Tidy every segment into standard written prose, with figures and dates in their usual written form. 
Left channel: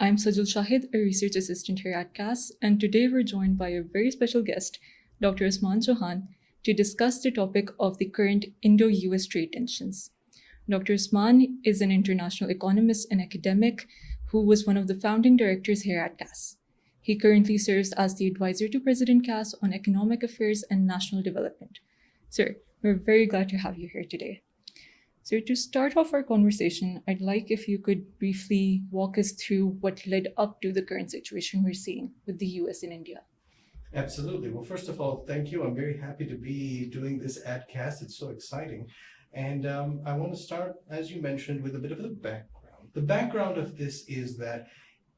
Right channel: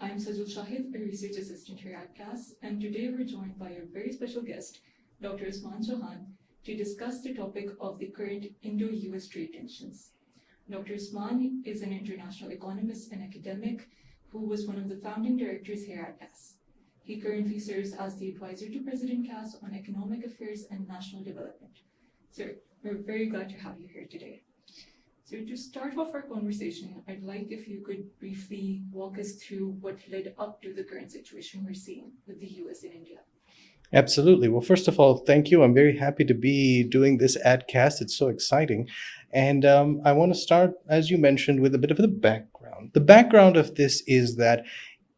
I'm Sajal Shahid, a research assistant here at CAS, and today we're joined by a very special guest, Dr. Usman Chohan, to discuss the topic of the current Indo-US trade tensions. Dr. Usman is an international economist and academic who was one of the founding directors here at CAS. He currently serves as the advisor to President CAS on economic affairs and national development. Sir, we're very glad to have you here today. So to start off our conversation, I'd like if you could briefly walk us through what led up to the current situation we're seeing with the US and India. Absolutely. Well, first of all, thank you. I'm very happy to be doing this AdCast. It's so exciting. And I want to start, as you mentioned, with a bit of the background. The background of this is that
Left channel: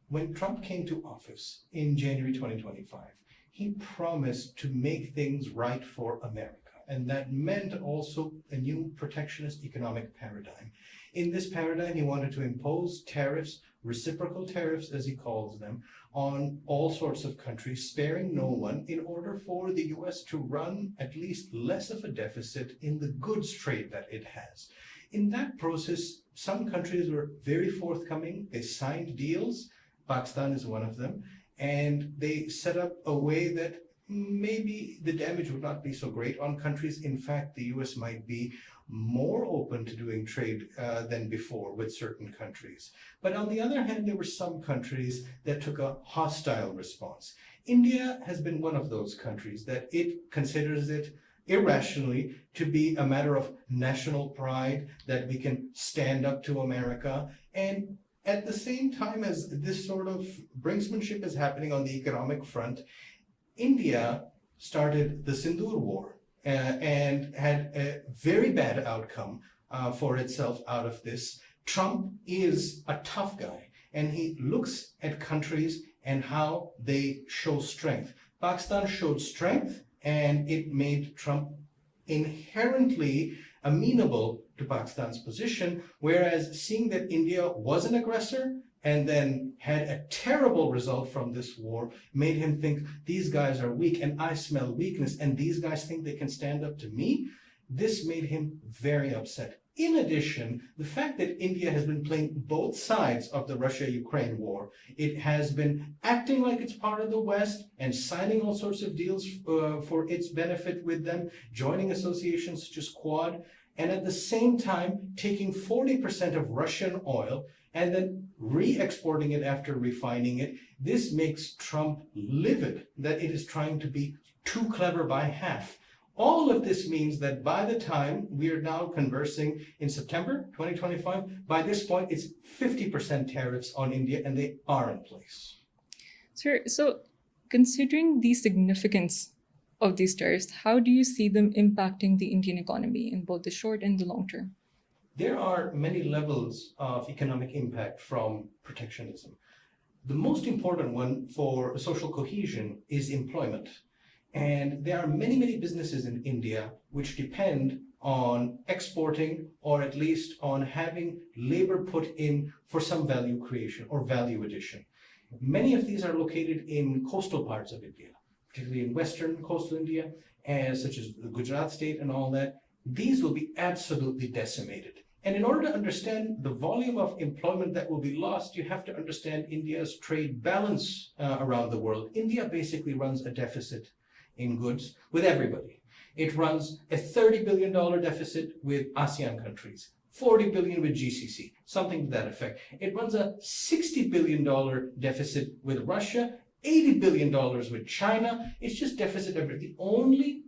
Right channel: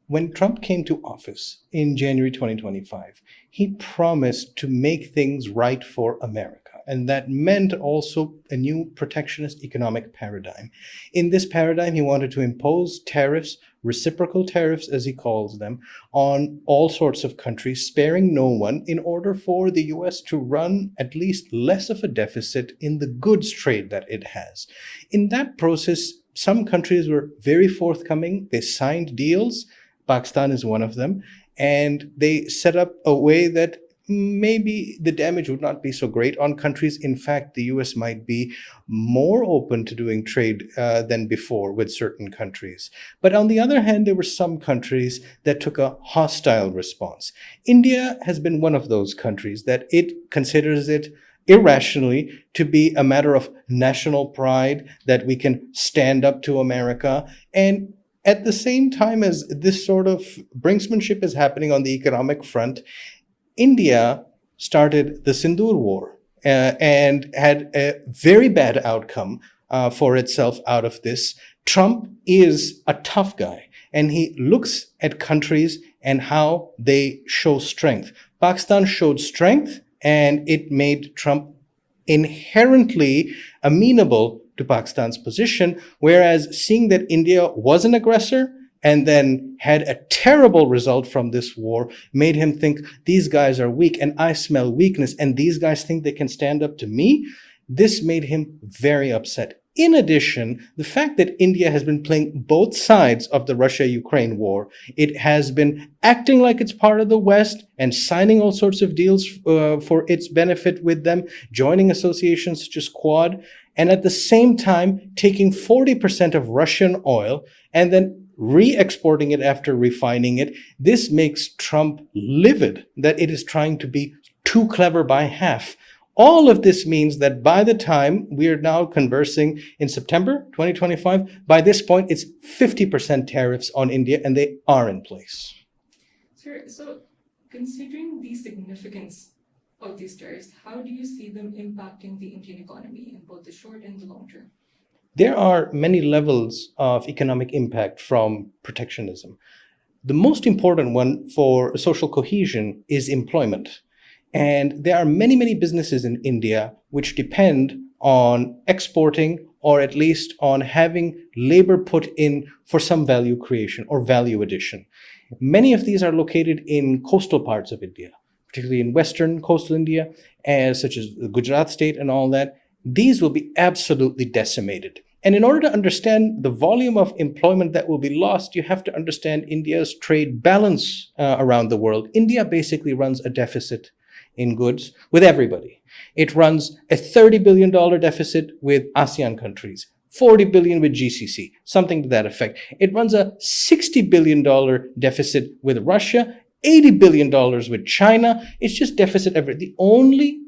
when Trump came to office in January 2025, he promised to make things right for America. And that meant also a new protectionist economic paradigm. In this paradigm, he wanted to impose tariffs, reciprocal tariffs, as he calls them, on all sorts of countries, sparing no one, in order for the US to run at least less of a deficit in the goods trade that it has. In that process, some countries were very forthcoming. They signed deals. Pakistan is one of them. And they set up a way that maybe the damage would not be so great on countries. In fact, the US might be more open to doing trade than before with certain countries. But on the other hand, there were some countries that took a hostile response. India has been one of those countries that it considers it irrationally to be a matter of national pride, that we can stand up to America. And at the same time as this sort of brinksmanship is happening on the economic front, India started the Sindoor War and had a very bad outcome for itself out of this. Trump is a tough guy, and he looks at countries and how they show strength. Pakistan showed strength, and it made Trump inherently amenable to Pakistan's position, whereas seeing that India was an aggressor and then had a terrible result from this war made him think, these guys are weak and I smell weakness, and these guys think they can stand up to me. This made him very upset. In addition, the fact that India has been playing both sides of the Russia-Ukraine war, it has been acting like it's part of the West and signing all sorts of deals for its benefit with them, joining associations such as Quad, and at the same time taking 40% of Russian oil and then re-exporting it after refining it. This makes Trump livid that it is trying to be too clever by half. All of this means that by the time we are now conversing in September 2025, by this point, it's 50% tariffs on India, and they are in place. Sir, so considering the significance of these tariffs, how do you see them impacting the Indian economy in both the short and the long term? There are many levels of economic impact from protectionism. The most important one for social cohesion is employment. And there are many, many businesses in India which depend on exporting, or at least on having labor put in for some value creation or value addition. Many of these are located in coastal parts of India, particularly in western coastal India, such as the Gujarat state and all that. These will be absolutely decimated. And in order to understand the volume of employment that will be lost, you have to understand India's trade balance around the world. India basically runs a deficit in goods with everybody. It runs a $30 billion deficit with ASEAN countries, 40 billion with GCC, something to that effect. It runs a $60 billion deficit with Russia, $80 billion with China. It's just deficit everywhere. The only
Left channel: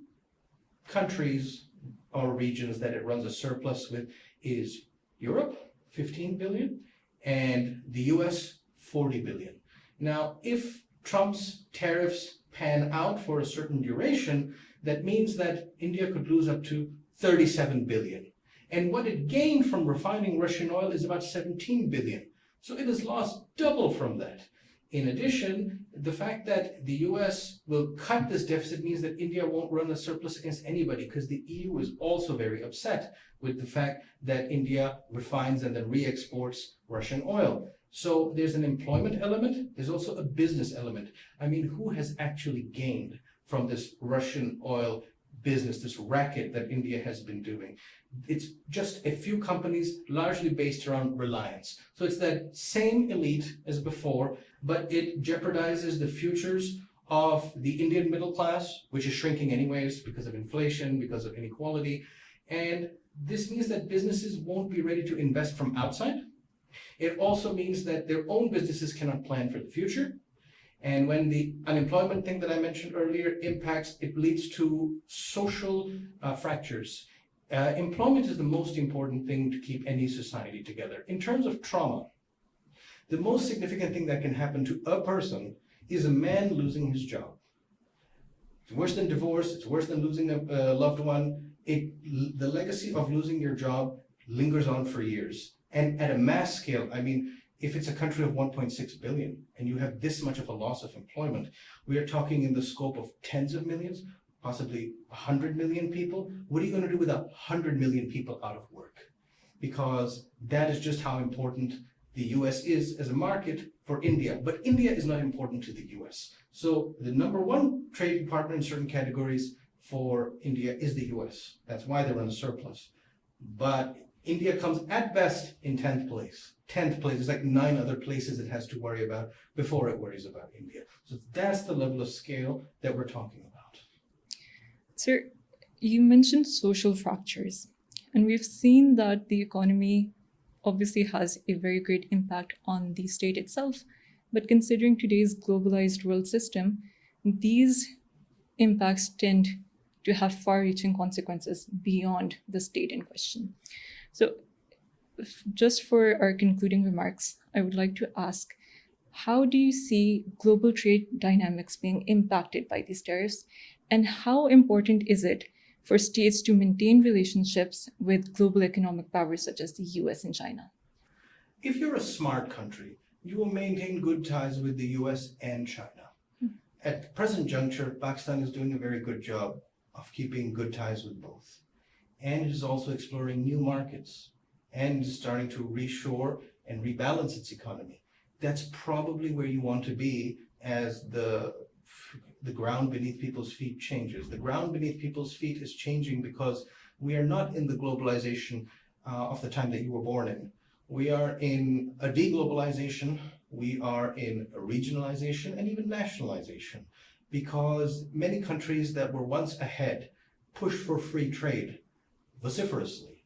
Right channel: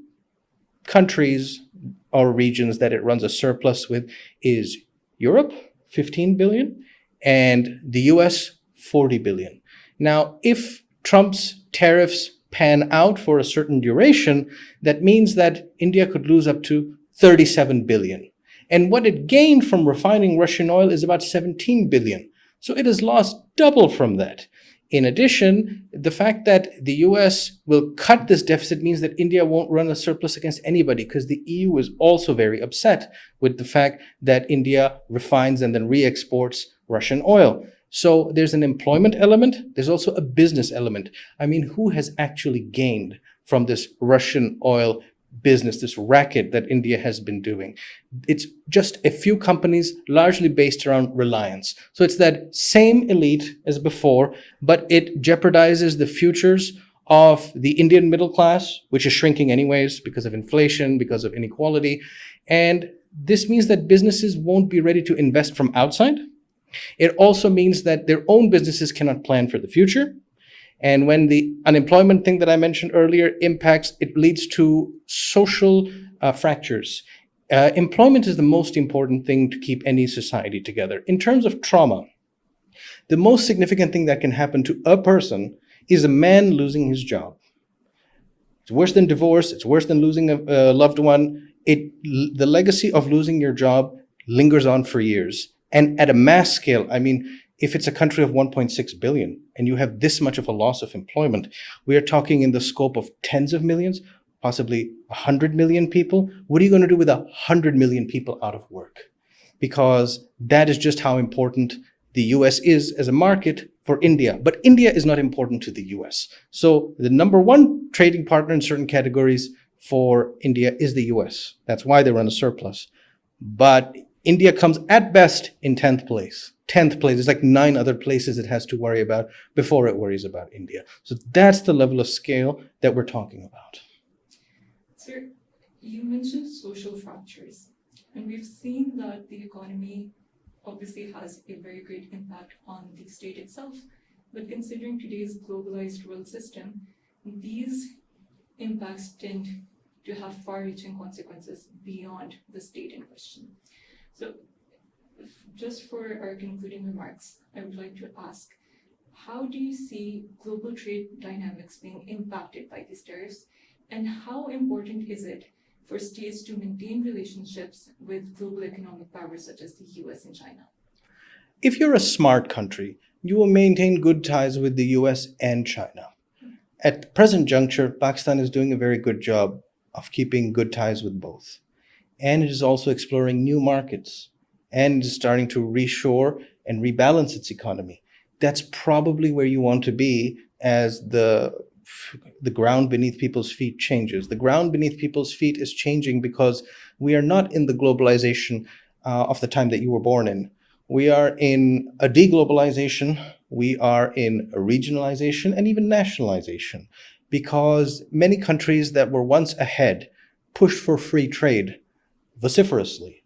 countries or regions that it runs a surplus with is Europe, 15 billion, and the US, 40 billion. Now, if Trump's tariffs pan out for a certain duration, that means that India could lose up to 37 billion. And what it gained from refining Russian oil is about 17 billion. So it has lost double from that. In addition, the fact that the US will cut this deficit means that India won't run a surplus against anybody, because the EU is also very upset with the fact that India refines and then re-exports Russian oil. So there's an employment element. There's also a business element. I mean, who has actually gained from this Russian oil business, this racket that India has been doing. It's just a few companies largely based around reliance. So it's that same elite as before, but it jeopardizes the futures of the Indian middle class, which is shrinking anyways because of inflation, because of inequality. And this means that businesses won't be ready to invest from outside. It also means that their own businesses cannot plan for the future. And when the unemployment thing that I mentioned earlier impacts, it leads to social fractures. Employment is the most important thing to keep any society together. In terms of trauma, the most significant thing that can happen to a person is a man losing his job. It's worse than divorce. It's worse than losing a loved one. The legacy of losing your job lingers on for years. And at a mass scale, I mean, if it's a country of 1.6 billion and you have this much of a loss of employment, we are talking in the scope of tens of millions, possibly 100 million people. What are you going to do with 100 million people out of work? Because that is just how important the US is as a market for India. But India is not important to the US. So the number one trading partner in certain categories for India is the US. That's why they run a surplus. But India comes at best in 10th place. 10th place. There's like 9 other places it has to worry about before it worries about India. So that's the level of scale that we're talking about. Sir, you mentioned social fractures, and we've seen that the economy obviously has a very great impact on the state itself. But considering today's globalized world system, these impacts tend to have far-reaching consequences beyond the state in question. So, just for our concluding remarks, I would like to ask, how do you see global trade dynamics being impacted by these tariffs? And how important is it for states to maintain relationships with global economic powers such as the US and China? If you're a smart country, you will maintain good ties with the US and China. At the present juncture, Pakistan is doing a very good job of keeping good ties with both. And it is also exploring new markets and is starting to reshore and rebalance its economy. That's probably where you want to be as the ground beneath people's feet changes. The ground beneath people's feet is changing because we are not in the globalization of the time that you were born in. We are in a deglobalization, we are in a regionalization and even nationalization, because many countries that were once ahead pushed for free trade vociferously.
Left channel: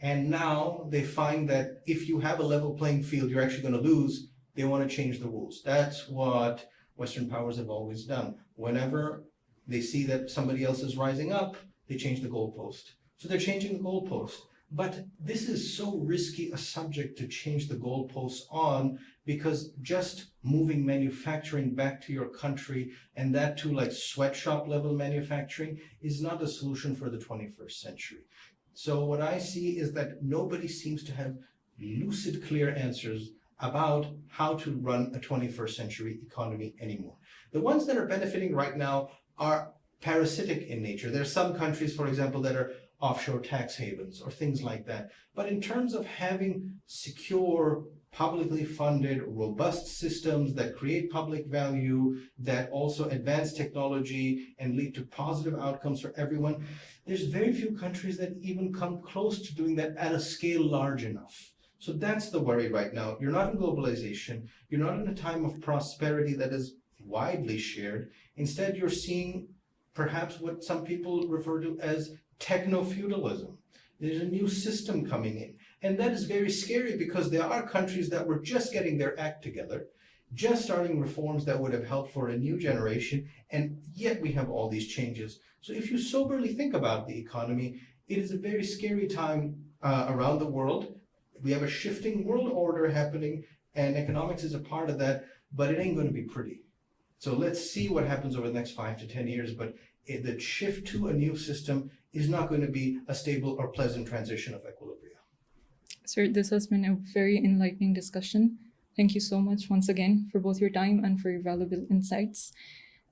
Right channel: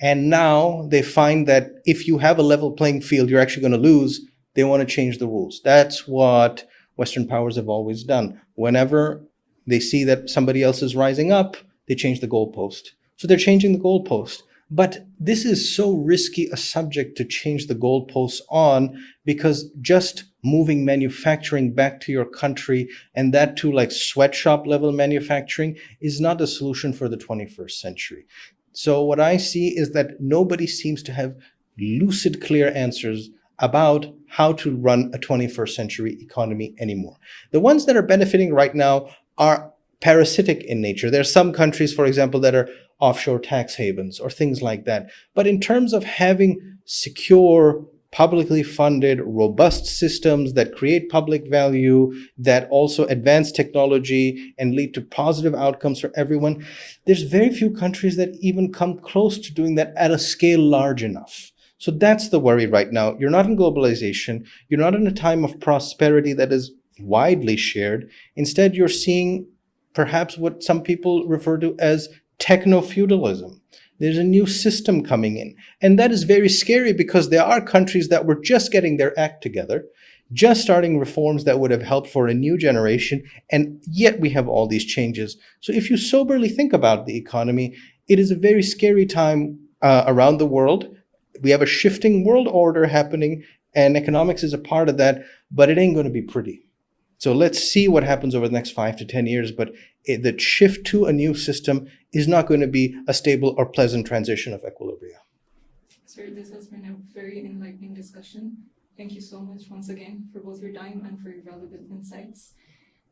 And now they find that if you have a level playing field, you're actually going to lose. They want to change the rules. That's what Western powers have always done. Whenever they see that somebody else is rising up, they change the goalpost. So they're changing the goalpost. But this is so risky a subject to change the goalposts on, because just moving manufacturing back to your country, and that to like sweatshop level manufacturing, is not a solution for the 21st century. So what I see is that nobody seems to have lucid, clear answers about how to run a 21st century economy anymore. The ones that are benefiting right now are parasitic in nature. There are some countries, for example, that are offshore tax havens or things like that. But in terms of having secure, publicly funded, robust systems that create public value, that also advance technology and lead to positive outcomes for everyone, there's very few countries that even come close to doing that at a scale large enough. So that's the worry right now. You're not in globalization. You're not in a time of prosperity that is widely shared. Instead, you're seeing perhaps what some people refer to as techno-feudalism. There's a new system coming in. And that is very scary, because there are countries that were just getting their act together, just starting reforms that would have helped for a new generation, and yet we have all these changes. So if you soberly think about the economy, it is a very scary time around the world. We have a shifting world order happening, and economics is a part of that, but it ain't going to be pretty. So let's see what happens over the next 5 to 10 years. But the shift to a new system is not going to be a stable or pleasant transition of equilibria. Sir, this has been a very enlightening discussion. Thank you so much once again for both your time and for your valuable insights.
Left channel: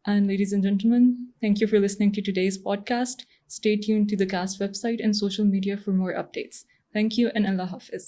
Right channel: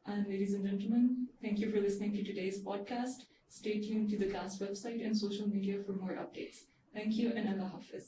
And ladies and gentlemen, thank you for listening to today's podcast. Stay tuned to the CAST website and social media for more updates. Thank you, and Allah Hafiz.